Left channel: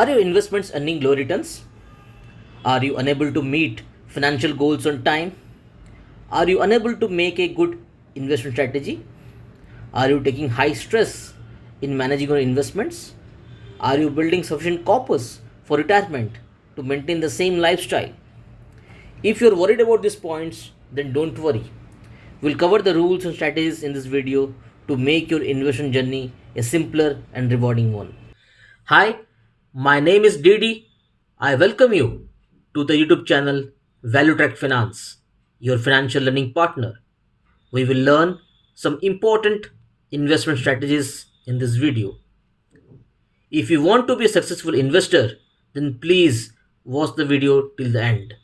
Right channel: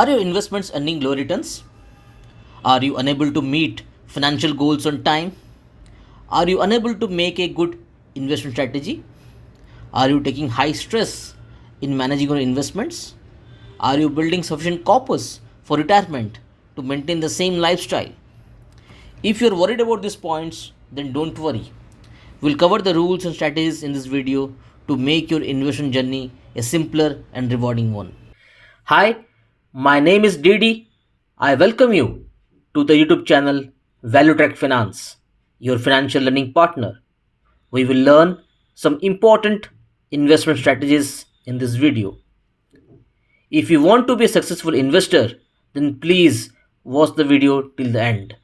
Are your investments earning low returns? Are you unable to meet financial goals on time? Are you unable to make a good investment strategy? Are you taking high stress in managing your investments? Are you building sufficient corpus for retirement to maintain the same lifestyle? If you're worried about these points, then don't worry. We'll cover the rules and strategies in this video to make your investment journey a simpler and rewarding one. Hi, my name is Didi. I welcome you to the YouTube channel Finance, your financial learning partner. We will learn some important investment strategies in this video. If you want to be a successful investor, then please watch the video till the end.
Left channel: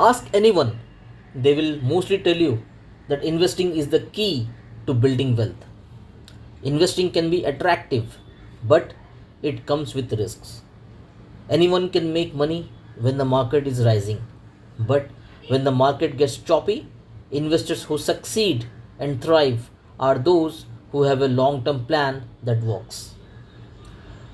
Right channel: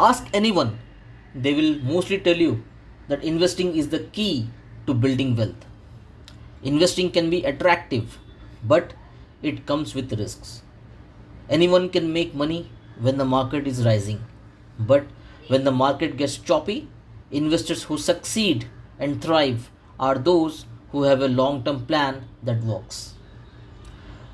Ask anyone, they will mostly tell you that investing is the key to building wealth. Investing can be attractive, but it comes with risks. Anyone can make money when the market is rising, but when the market gets choppy, investors who succeed and thrive are those who have a long term plan that works.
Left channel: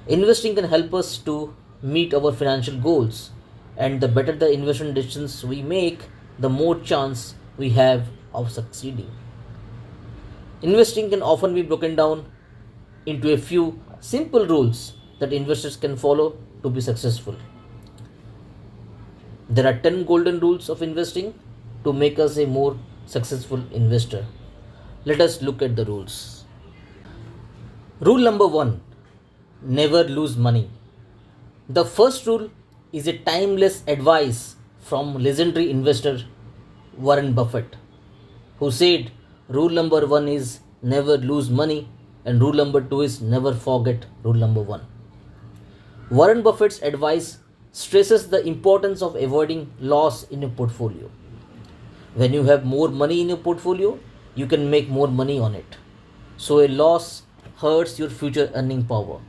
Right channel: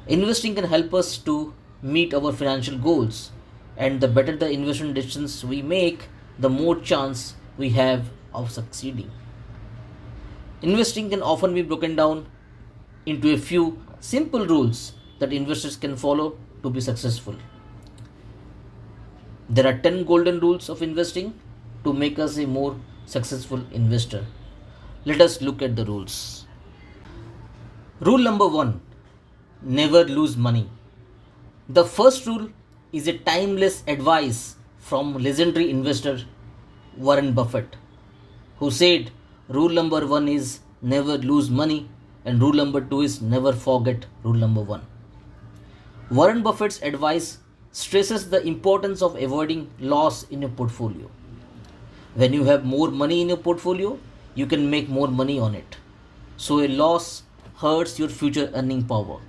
Investing can help us to meet our financial goals, and the better the investment decisions we make, the more chance we have of succeeding. Investing can often be broken down into a few simple rules that investors can follow to be successful. There are 10 golden rules of investing to make us a more successful investor. Let us look at the rules. Rule number 1, never lose money. The first rule is a timeless advice from legendary investor Warren Buffett, who said rule number 1 is never lose money and rule number 2 is never forget rule number 1. Warren Buffett's advice stresses the importance of avoiding loss in your portfolio. When you have more money in your portfolio, you can make more money on it. So a loss hurts your future earning power.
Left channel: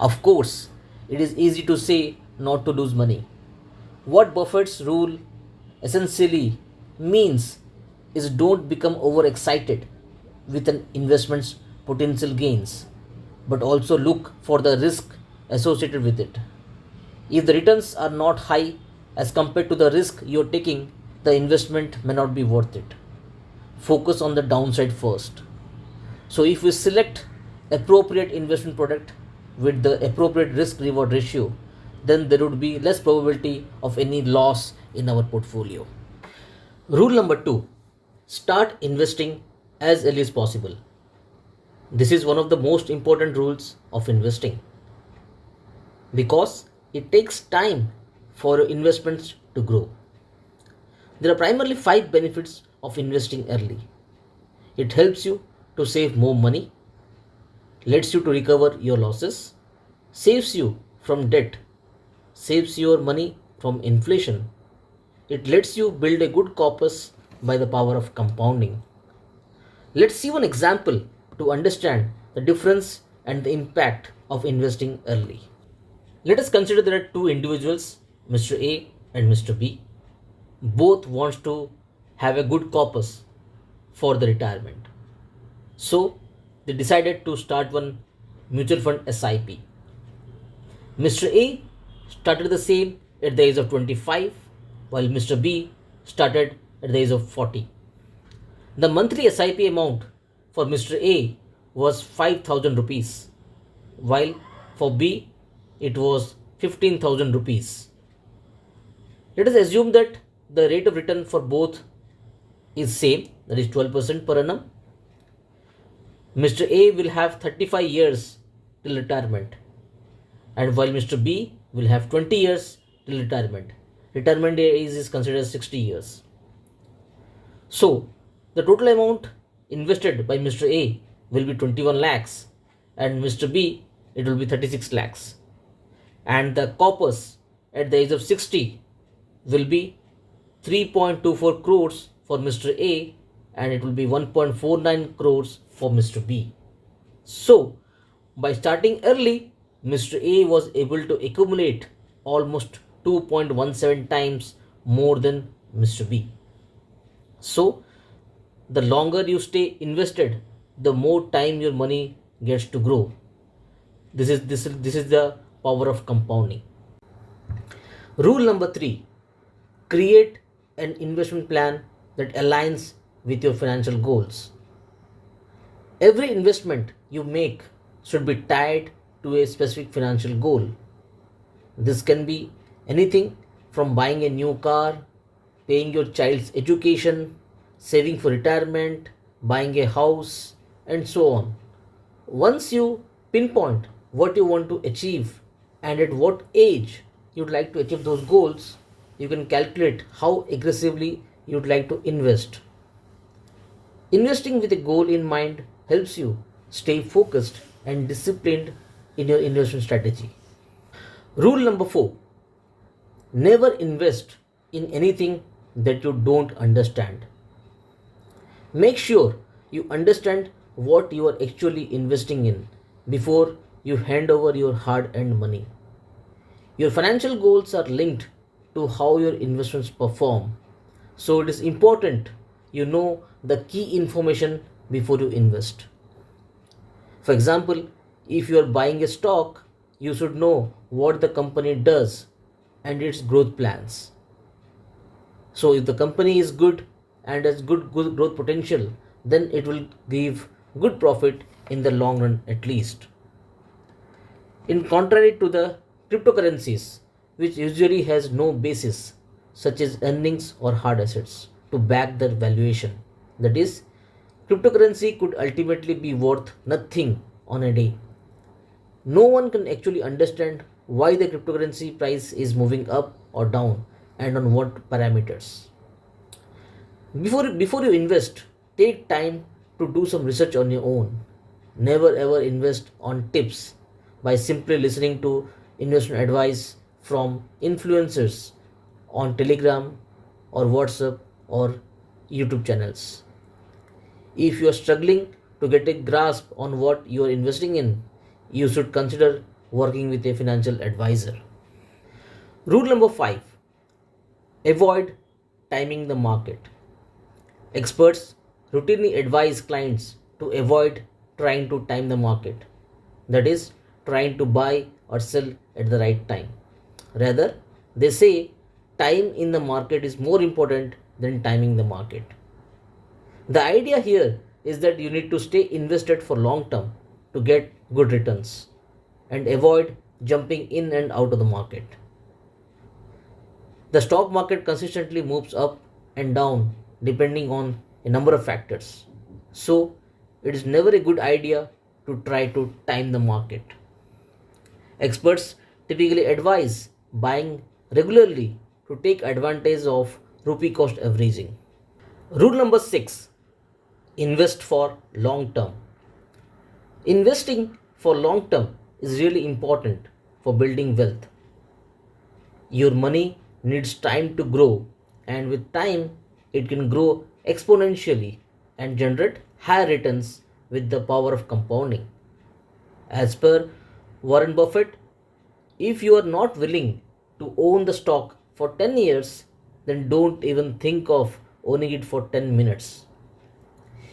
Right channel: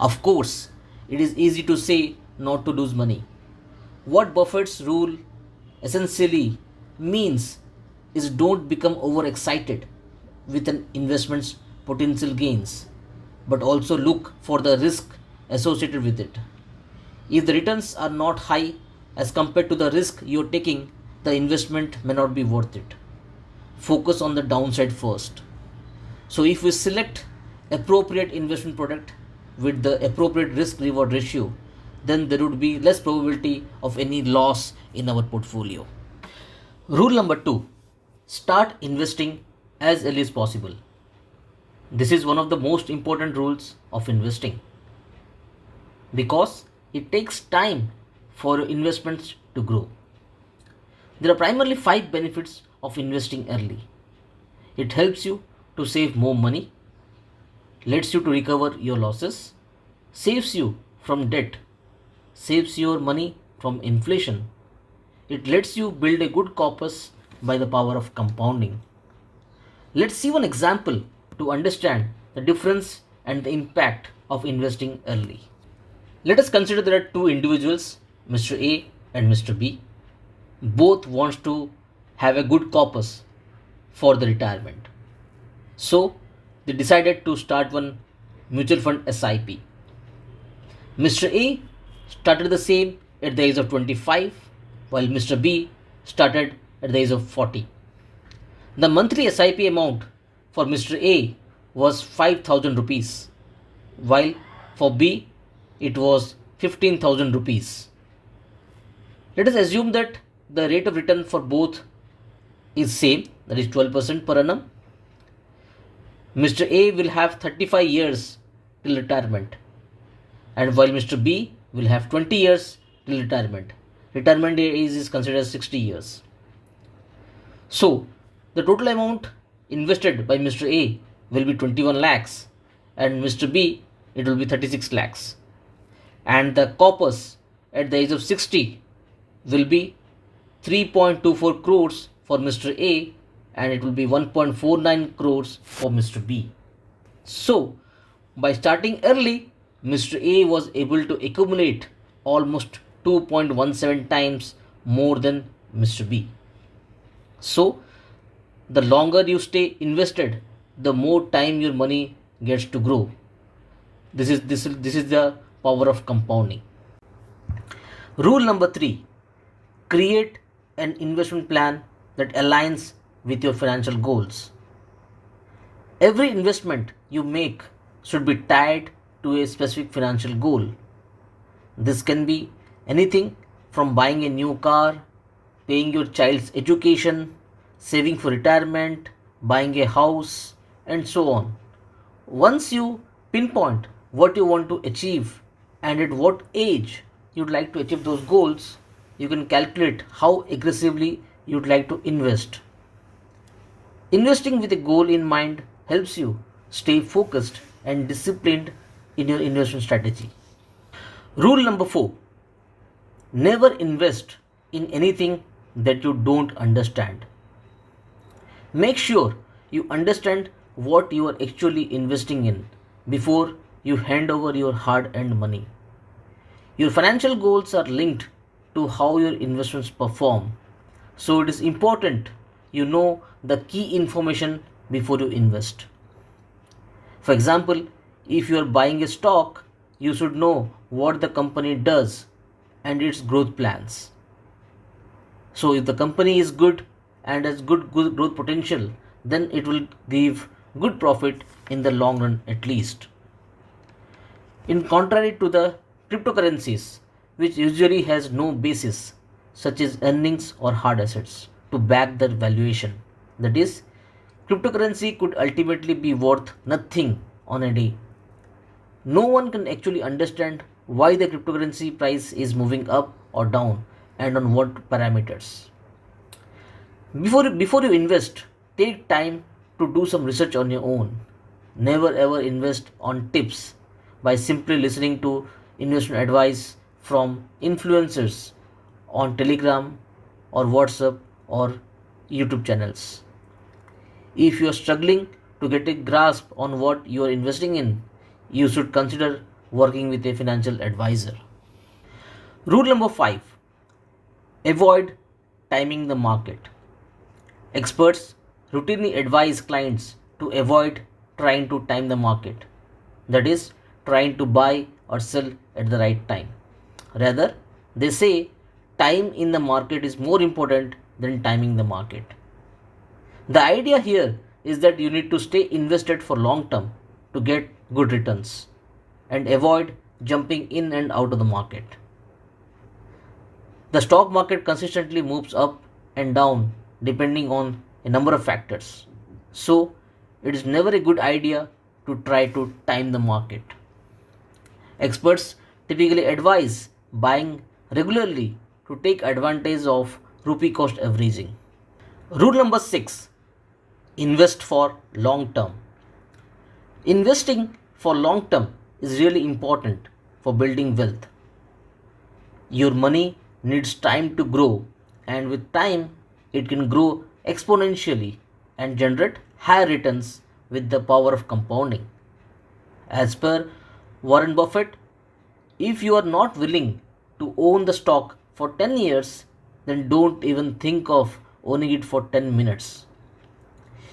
Of course, it is easy to say not to lose money. What Buffett's rule essentially means is don't become overexcited with an investment's potential gains, but also look for the risk associated with it. If the returns are not high as compared to the risk you're taking, the investment may not be worth it. Focus on the downside first. So if we select appropriate investment product with the appropriate risk reward ratio, then there would be less probability of any loss in our portfolio. Rule number 2, start investing as early as possible. This is one of the most important rules of investing because it takes time for your investments to grow. There are primarily 5 benefits of investing early. It helps you to save more money, lets you to recover your losses, saves you from debt, saves your money from inflation. It lets you build a good corpus by the power of compounding. Let's see one example to understand the difference and the impact of investing early. Let us consider there are two individuals, Mr. A and Mr. B. Both want to have a good corpus for the retirement. So they decided to start one mutual fund SIP. Mr. A started the same at the age of 25, while Mr. B started at the age of 40. The monthly SIP amount for Mr. A was 5,000 rupees, while for B it was 15,000 rupees. Let us assume that the rate of return for both is same, that is 12% per annum. Mr. A will have 35 years till retirement, and while Mr. B will have 20 years till retirement. Retirement age is considered as 60 years. So the total amount invested by Mr. A will be 21 lakhs and Mr. B it will be 36 lakhs. And the corpus at the age of 60 will be 3.24 crores for Mr. A and it will be 1.49 crores for Mr. B. So by starting early, Mr. A was able to accumulate almost 2.17 times more than Mr. B. So the longer you stay invested, the more time your money gets to grow. This is the power of compounding. Rule number 3, create an investment plan that aligns with your financial goals. Every investment you make should be tied to a specific financial goal. This can be anything from buying a new car, paying your child's education, saving for retirement, buying a house, and so on. Once you pinpoint what you want to achieve and at what age you'd like to achieve those goals, you can calculate how aggressively you'd like to invest. Investing with a goal in mind helps you stay focused and disciplined in your investment strategy. Rule number 4, never invest in anything that you don't understand. Make sure you understand what you are actually investing in before you hand over your hard earned money. Your financial goals are linked to how your investments perform, so it is important you know the key information before you invest. For example, if you are buying a stock, you should know what the company does and its growth plans. So, if the company is good and has good growth potential, then it will give good profit in the long run at least. In contrary to the cryptocurrencies, which usually has no basis, such as earnings or hard assets, to back their valuation. That is, cryptocurrency could ultimately be worth nothing on a day. No one can actually understand why the cryptocurrency price is moving up or down and on what parameters. Before you invest, take time to do some research on your own. Never ever invest on tips by simply listening to investment advice from influencers on Telegram or WhatsApp or YouTube channels. If you are struggling to get a grasp on what you are investing in, you should consider working with a financial advisor. Rule number 5, avoid timing the market. Experts routinely advise clients to avoid trying to time the market, that is, trying to buy or sell at the right time. Rather, they say time in the market is more important than timing the market. The idea here is that you need to stay invested for long term to get good returns and avoid jumping in and out of the market. The stock market consistently moves up and down depending on a number of factors. So, it is never a good idea to try to time the market. Experts typically advise buying regularly to take advantage of rupee cost averaging. Rule number 6, invest for long term. Investing for long term is really important for building wealth. Your money needs time to grow, and with time, it can grow exponentially and generate higher returns with the power of compounding. As per Warren Buffett, if you are not willing to own the stock for 10 years, then don't even think of owning it for 10 minutes.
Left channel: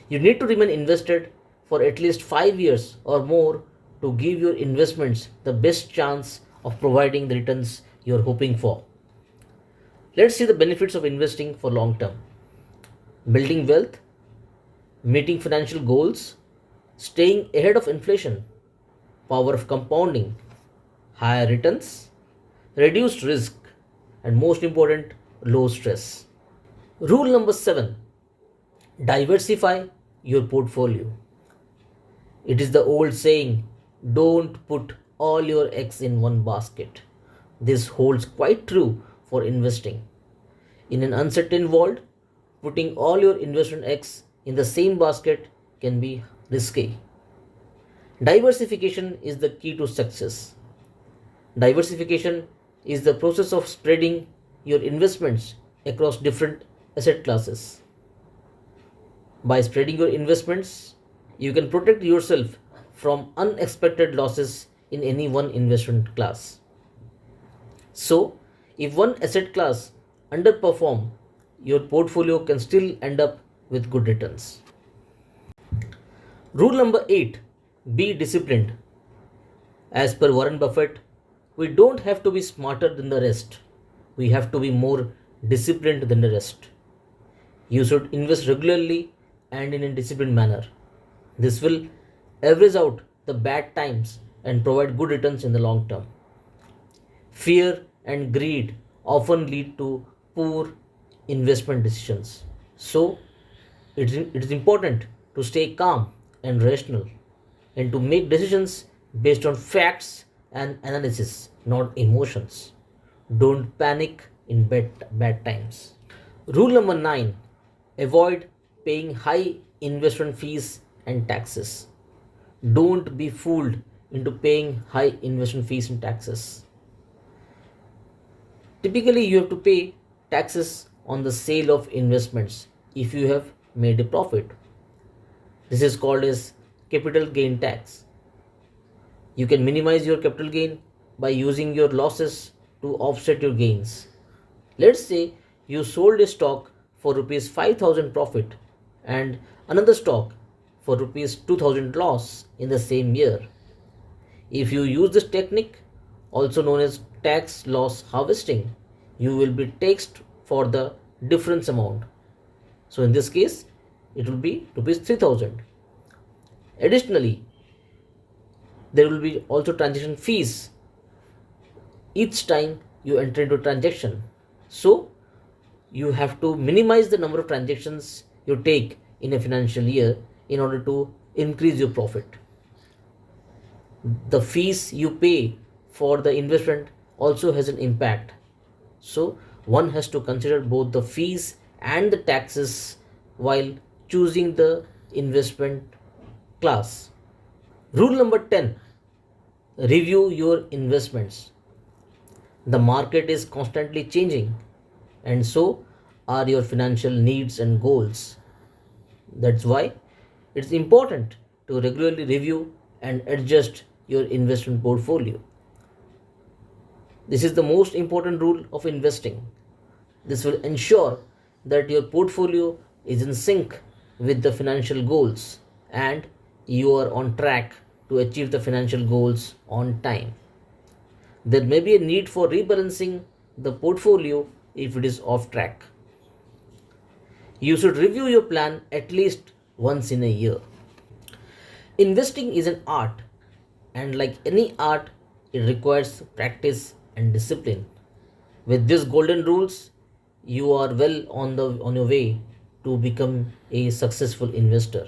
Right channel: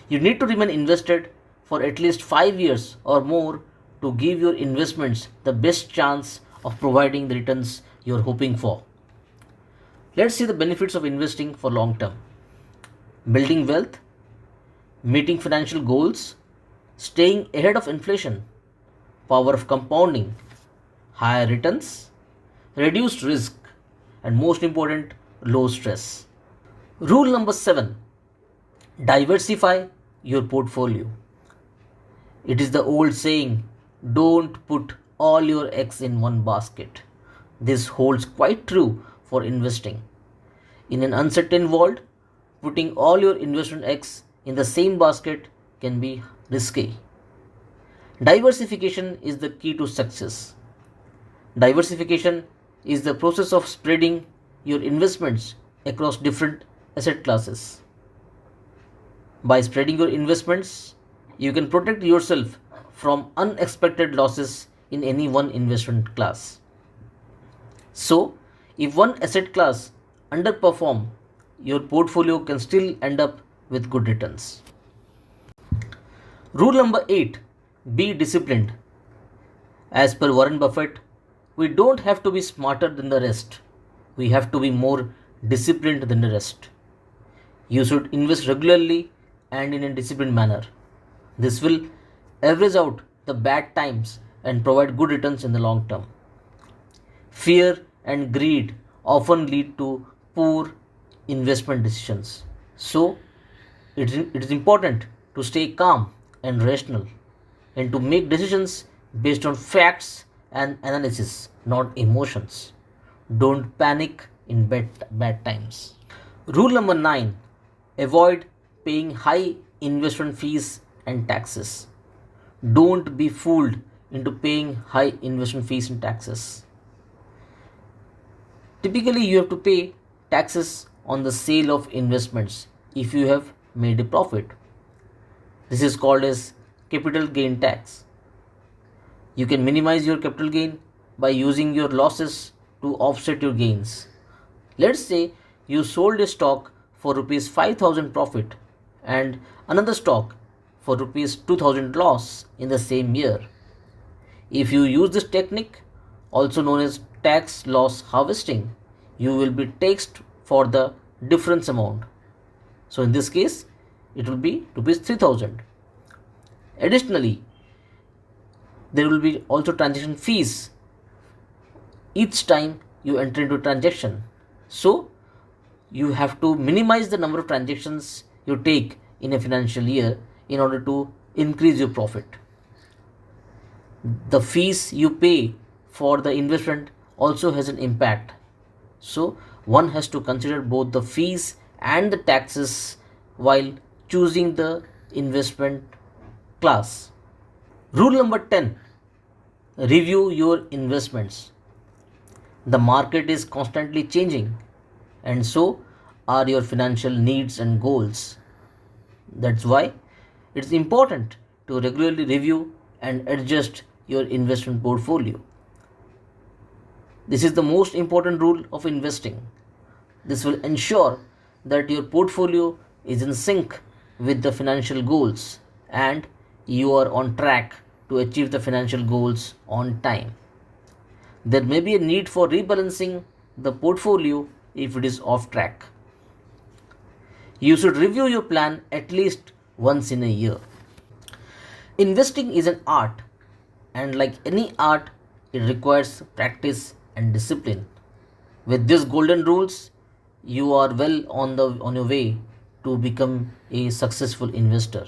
You need to remain invested for at least 5 years or more to give your investments the best chance of providing the returns you're hoping for. Let's see the benefits of investing for long term: building wealth, meeting financial goals, staying ahead of inflation, power of compounding, higher returns, reduced risk, and most important, low stress. Rule number 7, diversify your portfolio. It is the old saying, don't put all your eggs in one basket. This holds quite true for investing. In an uncertain world, putting all your investment eggs in the same basket can be risky. Diversification is the key to success. Diversification is the process of spreading your investments across different asset classes. By spreading your investments, you can protect yourself from unexpected losses in any one investment class. So, if one asset class underperform, your portfolio can still end up with good returns. Rule number 8, be disciplined. As per Warren Buffett, We don't have to be smarter than the rest. We have to be more disciplined than the rest. You should invest regularly and in a disciplined manner. This will average out the bad times and provide good returns in the long term. Fear and greed often lead to poor investment decisions. So, it is important to stay calm and rational and to make decisions based on facts and analysis, not emotions. Don't panic in bad times. Rule number 9, avoid paying high investment fees and taxes. Don't be fooled into paying high investment fees and taxes. Typically, you have to pay taxes on the sale of investments if you have made a profit. This is called as capital gain tax. You can minimize your capital gain by using your losses to offset your gains. Let's say you sold a stock for rupees 5000 profit and another stock for rupees 2000 loss in the same year. If you use this technique, also known as tax loss harvesting, you will be taxed for the difference amount. So in this case, it will be rupees 3000. Additionally, there will be also transaction fees each time you enter into a transaction. So you have to minimize the number of transactions you take in a financial year in order to increase your profit. The fees you pay for the investment also has an impact. So one has to consider both the fees and the taxes while choosing the investment class. Rule number 10, review your investments. The market is constantly changing, and so are your financial needs and goals. That's why it's important to regularly review and adjust your investment portfolio. This is the most important rule of investing. This will ensure that your portfolio is in sync with the financial goals and you are on track to achieve the financial goals on time. There may be a need for rebalancing the portfolio if it is off track. You should review your plan at least once in a year. Investing is an art, and like any art, it requires practice and discipline. With these golden rules, you are well on your way to become a successful investor.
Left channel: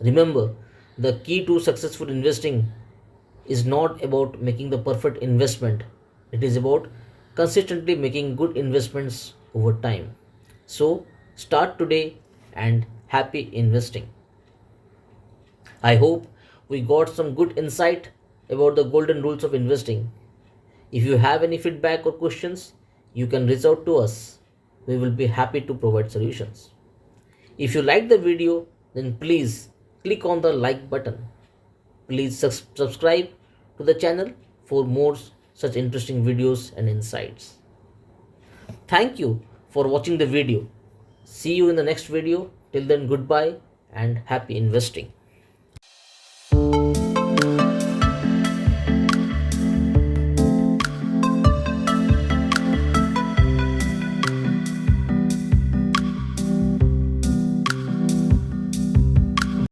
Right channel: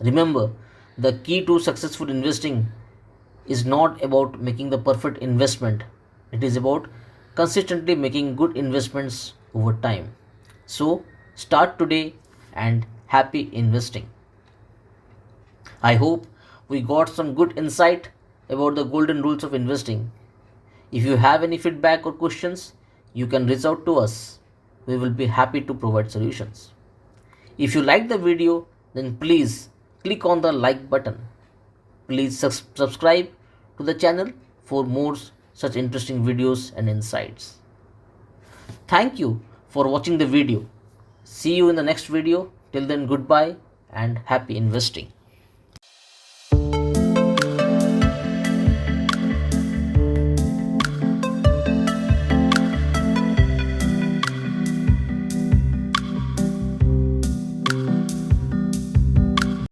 Remember, the key to successful investing is not about making the perfect investment. It is about consistently making good investments over time. So, start today and happy investing. I hope we got some good insight about the golden rules of investing. If you have any feedback or questions, you can reach out to us. We will be happy to provide solutions. If you like the video, then please click on the like button. Please subscribe to the channel for more such interesting videos and insights. Thank you for watching the video. See you in the next video. Till then, goodbye and happy investing.